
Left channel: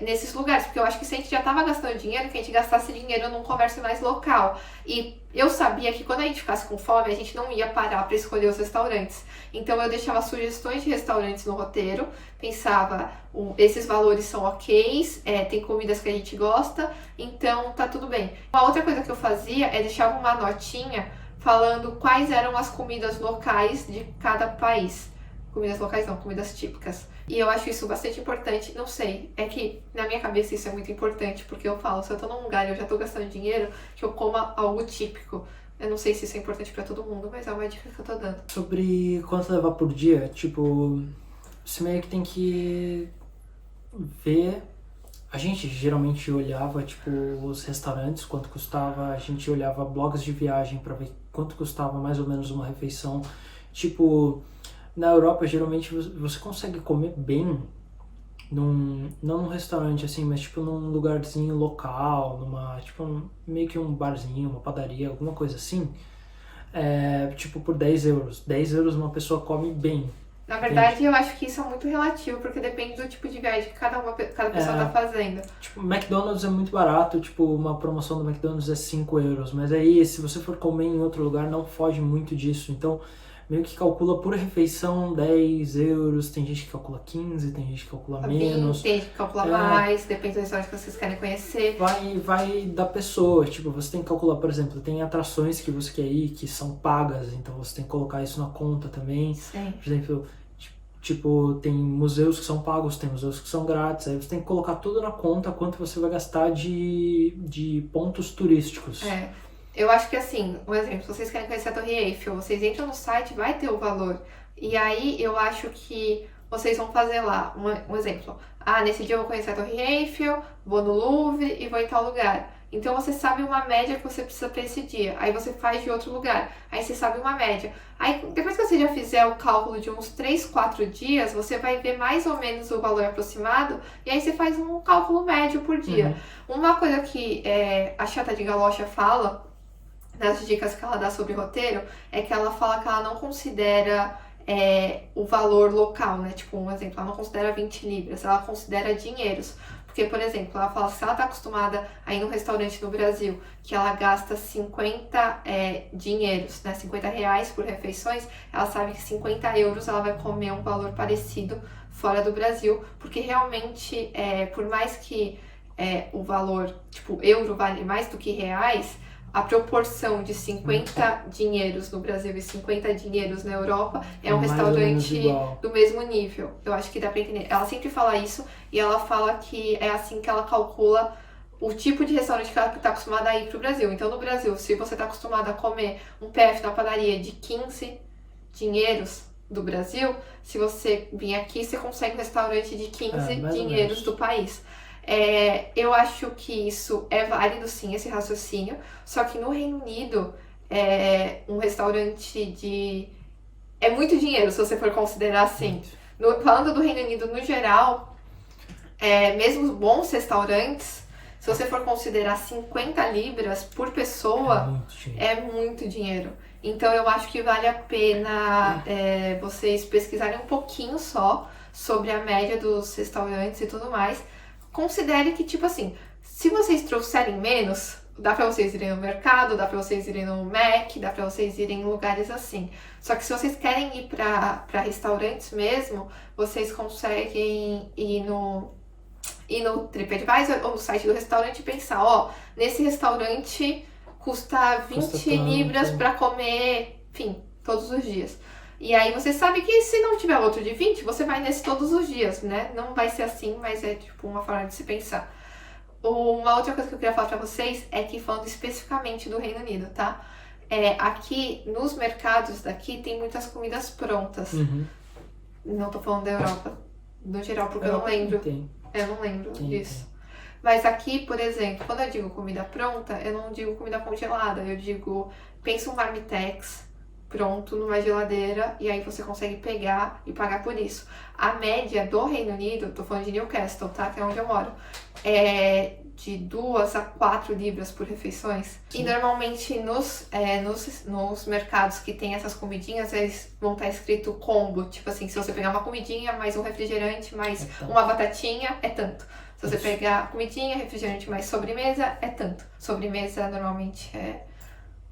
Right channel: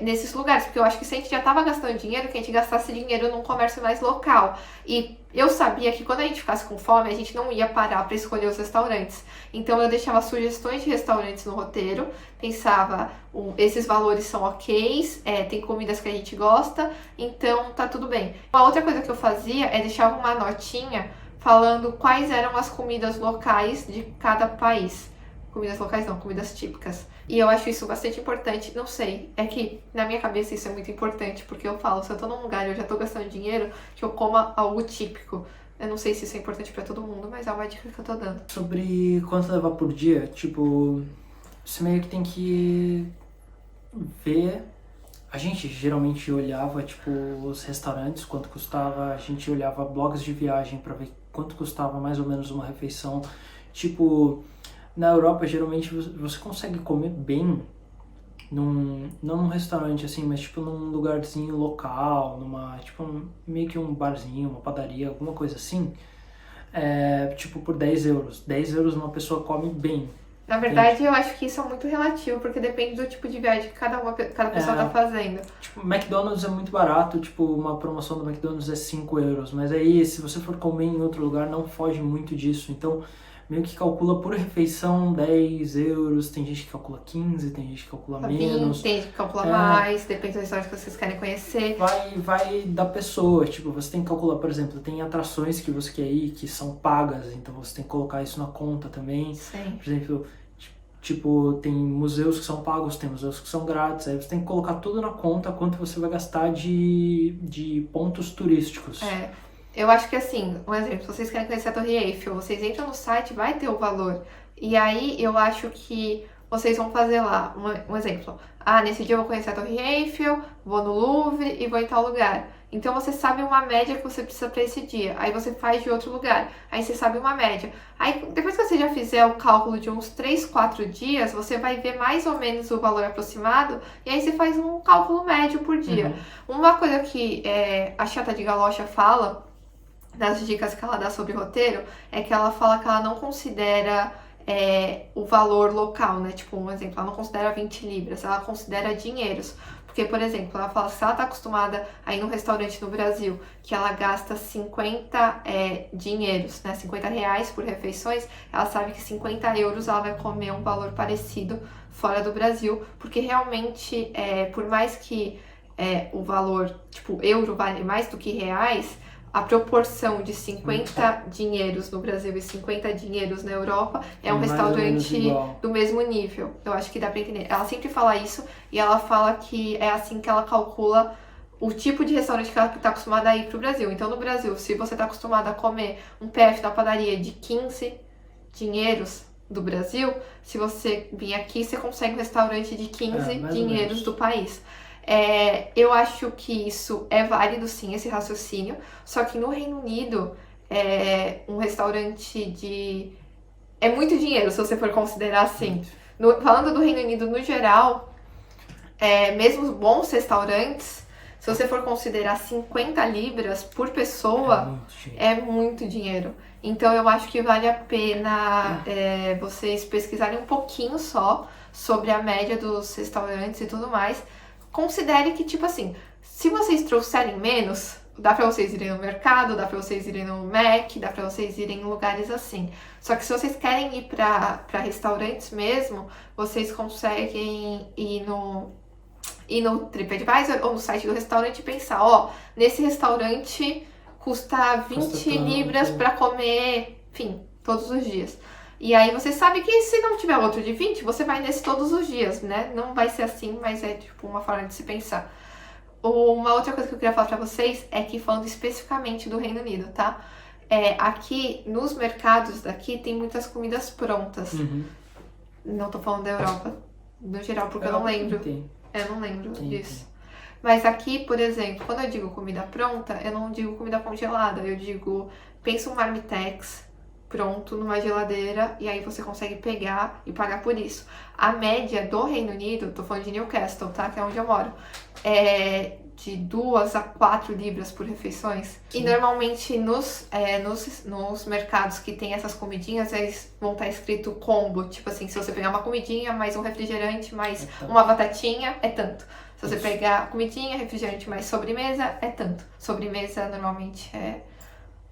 nesses lugares, porque eu acho que se a gente já estava gastando dinheiro, que a gente gastasse dinheiro num comércio mais local. E eu sabia que quando a gente ficasse com fome, a gente não ia parar para escolher os restaurantes. Então eu deixava sugestões de restaurantes no roteiro, pensava, esses valores são ok, tem comidas que a gente gosta, então tá tudo bem. Uma outra coisa que eu fazia é deixar uma notinha falando quais eram as comidas locais de cada país. Comidas locais não, comidas típicas. E eu acho isso bastante importante, não sei, é que na minha cabeça isso é muito importante, porque eu falo, se eu tô num lugar e eu já tô gastando dinheiro, que eu coma algo típico. Eu não sei se isso é importante pra todo mundo, mas é uma dica que eu tô dando. Sobre quanto leva por dia, tipo, você meio que tem que ver. A gente geralmente olhava, tipo, os restaurantes, quanto custava, a gente olhava blogs de viagem pra ver quanto custava mais ou menos uma refeição. Tipo, na Europa, geralmente, você consegue comer bem, não num restaurante assim, mas tipo num lugarzinho local, tipo, meio que um barzinho, uma padaria, alguma coisa assim, tipo por 10 euros. 10 euros uma pessoa come bem. Na verdade, eu acho que isso é muito relativo, porque depende do tipo de viagem que cada pessoa tá fazendo. Tipo, McDonald's é muito barato, tipo, uma promoção do McDonald's é 5 euros, mas aí se você for comer em outro lugar, não foge muito disso, então meio que calcula por refeição 10 euros, tem gente que calcula 15, tem gente que calcula menos. Tem gente que calcula mais, depende das histórias que vocês querem conhecer. Vai da pessoa, tipo, você tem que calcular, por exemplo, tem atrações que você quer ir que são pagas, então você tem que colocar isso na conta também. Sim. Por exemplo, tipo, tem museus que são pagos, tem museus que são grátis, aí você tem que colocar tudo na conta quanto você vai gastar de pontos turísticos. Eu acho que assim, um exemplo, se vocês querem conhecer a Torre Eiffel, vocês entram no site, vai ter o valor. E aí eu acho que vocês vão fazer lá, um exemplo. Nesse dia eu vou conhecer a Torre Eiffel, vou no Louvre e vou em tal lugar. Então você sabe uma média que você precisa para esse dia. Aí você faz de outro lugar. Aí você sabe uma média. Aí depois que você já fizer o cálculo de uns 3, 4 dias, você vai ver mais ou menos o valor aproximado. E aí você faz um cálculo médio por dia. Uma coisa que a Chata de Galocha fala, das dicas que ela dá sobre roteiro, é que ela fala que ela não considera o valor local, né? Tipo, um exemplo, ela não considera 20 libras, ela considera dinheiros. Porque, por exemplo, ela fala que se ela tá acostumada a ir num restaurante no Brasil que ela gasta 50 dinheiros, né? 50 reais por refeições, ela sabe que 50 euros ela vai comer um valor parecido fora do Brasil, porque realmente, por mais que o valor, tipo, euro vale mais do que reais, a proporção de 50 dinheiros no Brasil e 50 dinheiros na Europa é um restaurante do mesmo nível. Eu acho que dá pra entender. Ela sempre fala isso e ela fala que é assim que ela calcula o tipo de restaurante que ela tá acostumada a ir pro Brasil. Então, no Brasil, se você tá acostumada a comer um PF na padaria de 15 dinheiros do Brasil, se você vir aqui, você consegue um restaurante de 15 dinheiros do país. Eu acho que isso é válido sim, esse raciocínio, só que no Reino Unido um restaurante é muito dinheiro se você for considerar assim. Falando do Reino Unido no geral, mesmo bons restaurantes, se você for considerar 50 libras por pessoa, é muito dinheiro. Então eu acho que vale a pena vocês pesquisarem um pouquinho só sobre a média dos restaurantes e tudo mais. Considere que, tipo assim, se vocês trouxerem menos, dá pra vocês irem no mercado, dá pra vocês irem no Mac, dá pra vocês irem em lugares assim. Só que se vocês querem ir pra restaurantes mesmo, vocês conseguem ir no TripAdvisor ou no site do restaurante e pensar, nesse restaurante custa 20 libras pra comer, enfim, todos os dias. E aí você sabe que se não tiver outro de 20, você vai nesse todos os dias, né? Não vai ser assim, mas é tipo uma forma de se pensar. Uma outra coisa que eu queria falar pra vocês é que falando especificamente do Reino Unido, tá? Aqui, nos mercados daqui, tem muitas comidas prontas. Não tô falando da Europa, no geral, porque eu não lembro. Eu não lembro disso. Mas aqui, por exemplo, quando eu digo comida pronta, eu não digo comida congelada, eu digo, pensa um marmitex pronto numa geladeira e aí você consegue pegar e pagar por isso. A média do Reino Unido, tô falando de Newcastle, tá? Que é onde eu moro, é de 2 a 4 libras por refeições. Sim. E normalmente nos mercados que tem essas comidinhas, eles vão estar escrito combo. Tipo assim, se você pegar uma comidinha, mais um refrigerante, mais uma batatinha, é tanto. Se você pegar comidinha, refrigerante, mais sobremesa, é tanto. Sobremesa normalmente é...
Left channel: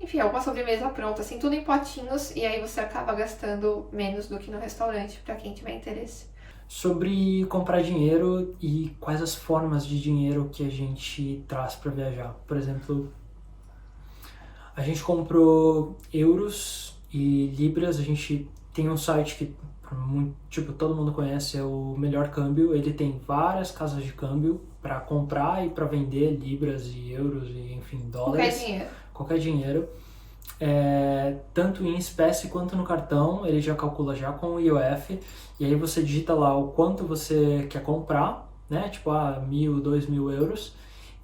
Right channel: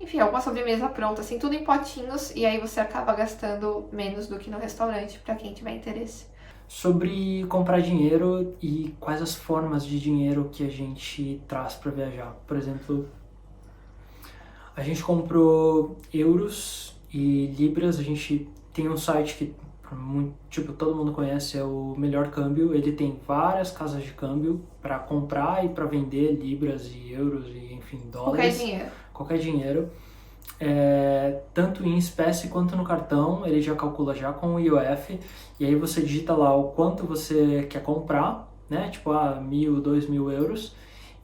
Enfim, alguma sobremesa pronta, assim, tudo em potinhos. E aí você acaba gastando menos do que no restaurante, pra quem tiver interesse. Sobre comprar dinheiro e quais as formas de dinheiro que a gente traz para viajar. Por exemplo, a gente comprou euros e libras. A gente tem um site que tipo, todo mundo conhece, é o Melhor Câmbio. Ele tem várias casas de câmbio para comprar e para vender libras e euros e, enfim, dólares. Qualquer dinheiro. Tanto em espécie quanto no cartão, ele já calcula já com o IOF, e aí você digita lá o quanto você quer comprar, né, tipo 1.000, 2.000 euros,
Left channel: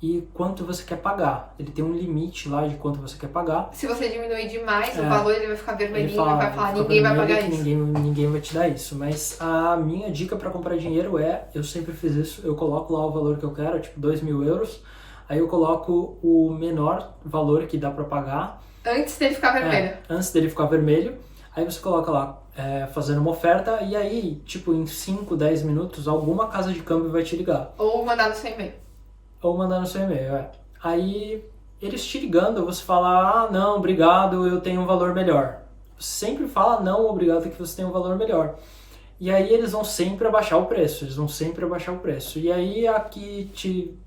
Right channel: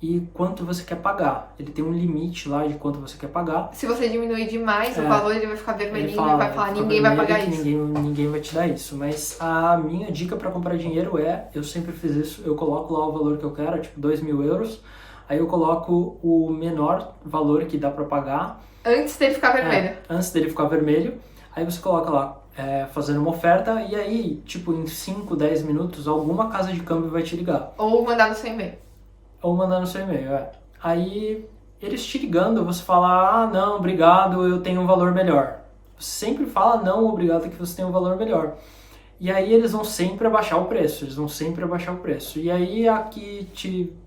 e quanto você quer pagar. Ele tem um limite lá de quanto você quer pagar. Se você diminuir demais o valor, ele vai ficar vermelhinho, vai falar, ninguém vai pagar isso. Ninguém vai te dar isso, mas a minha dica para comprar dinheiro eu sempre fiz isso, eu coloco lá o valor que eu quero, tipo 2.000 euros, aí eu coloco o menor valor que dá para pagar, antes dele ficar vermelho. Antes dele ficar vermelho. Aí você coloca lá, fazendo uma oferta, e aí, tipo, em 5, 10 minutos, alguma casa de câmbio vai te ligar. Ou mandar no seu e-mail. Aí, eles te ligando, você fala, não, obrigado, eu tenho um valor melhor. Sempre fala, não, obrigado, que você tem um valor melhor. E aí eles vão sempre abaixar o preço, E aí, a que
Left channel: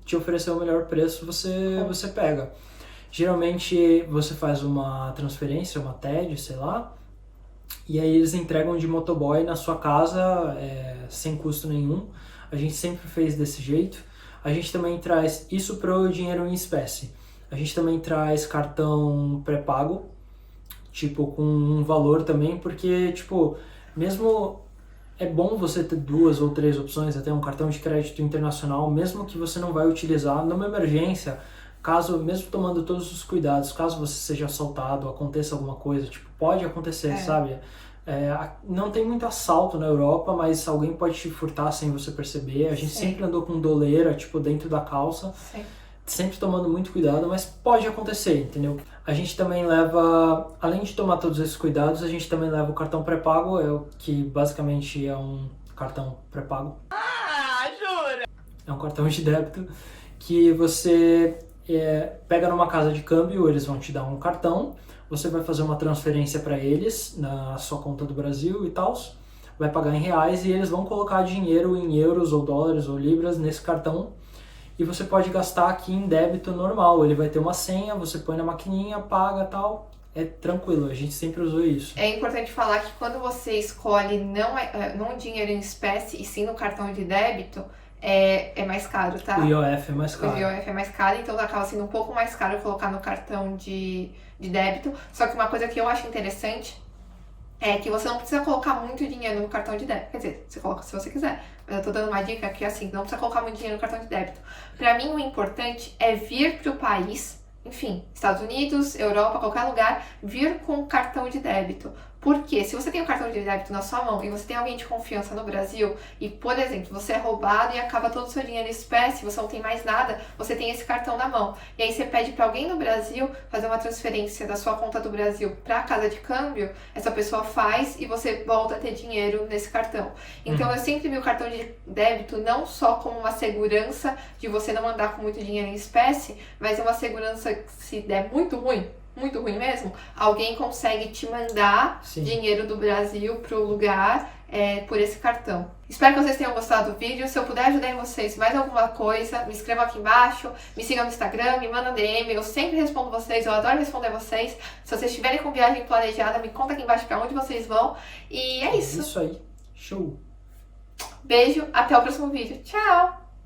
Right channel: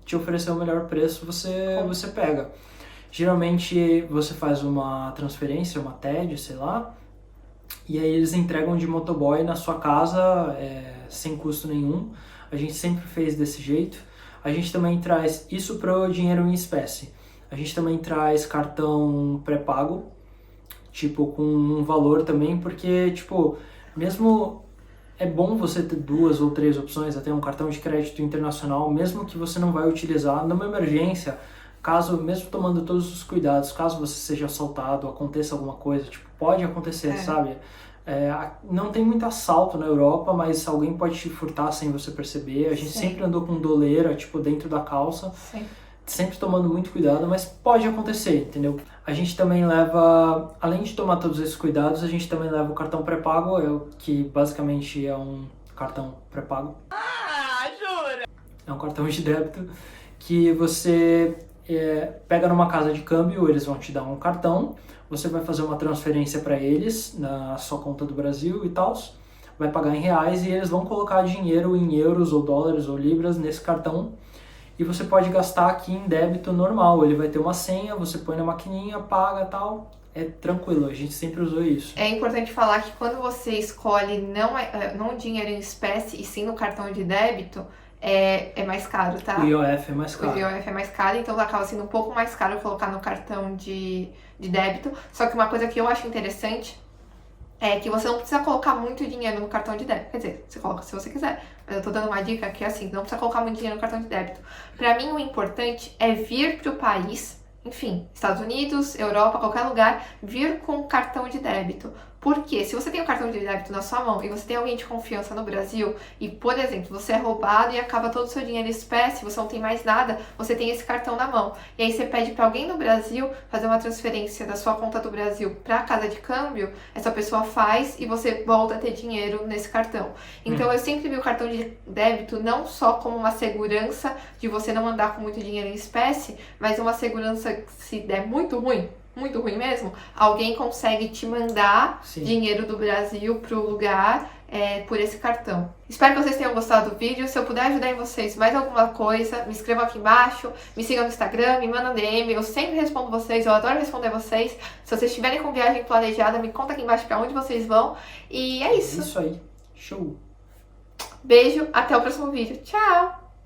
te oferecer o melhor preço, você pega. Geralmente você faz uma transferência, uma TED, sei lá, e aí eles entregam de motoboy na sua casa sem custo nenhum. A gente sempre fez desse jeito. A gente também traz isso para o dinheiro em espécie. A gente também traz cartão pré-pago, tipo, com um valor também, porque, tipo, mesmo é bom você ter 2 ou 3 opções, até um cartão de crédito internacional, mesmo que você não vai utilizar numa emergência. Caso, mesmo tomando todos os cuidados, caso você seja assaltado, aconteça alguma coisa, tipo, pode acontecer, sabe? Não tem muito assalto na Europa, mas alguém pode te furtar sem você perceber. A gente sempre andou com doleira, tipo, dentro da calça, sempre tomando muito cuidado, mas pode acontecer, entendeu? A gente também leva, além de tomar todos esses cuidados, a gente também leva o cartão pré-pago, que basicamente é um cartão pré-pago. Jura? É um cartão de débito que você... pega numa casa de câmbio, eles vão te dar um cartão, você vai fazer uma transferência para eles na sua conta do Brasil e tal, vai pagar em reais e eles vão colocar dinheiro em euros ou dólares ou libras nesse cartão e você pode gastar aqui em débito normal. Ele vai ter uma senha, você põe na maquininha, paga, tal, é tranquilo, a gente sempre usou isso. É importante falar que quando você escolhe não dinheiro em espécie e sim no cartão de débito, é mais caro, tá? O IOF é mais caro. O IOF é mais caro, então acaba sendo um pouco mais caro colocar no cartão de débito. Só que uma coisa que eu acho interessante é que você não precisa colocar muito dinheiro no cartão de débito. Quer dizer, você coloca se você quiser. Mas eu tô dando uma dica que é assim, não precisa colocar muito dinheiro no cartão de débito. Pra mim, o importante é vir pro país, enfim, Estados Unidos, Europa, qualquer lugar, vir com cartão de débito. Porque se você tem um cartão de débito na sua mão e você tem alguém de confiança no Brasil e, por exemplo, você é roubado e acaba todo o seu dinheiro em espécie, você não tem mais nada, você tem esse cartão na mão. E aí você pede para alguém no Brasil fazer uma transferência da sua conta do Brasil para a casa de câmbio, essa pessoa faz e você volta a ter dinheiro nesse cartão. Então eu sempre vi o cartão de débito não só como uma segurança de você não andar com muito dinheiro em espécie, mas uma segurança que se der muito ruim mesmo, alguém consegue te mandar dinheiro do Brasil pro lugar por esse cartão. Espero que vocês tenham gostado do vídeo. Se eu puder ajudar em vocês mais alguma coisa, me inscrevam aqui embaixo, me sigam no Instagram, me mandam DM, eu sempre respondo vocês, eu adoro responder vocês. Se vocês estiverem com viagem planejada, me conta aqui embaixo pra onde vocês vão. E é isso. Isso aí. Show! Beijo, até o próximo vídeo. Tchau!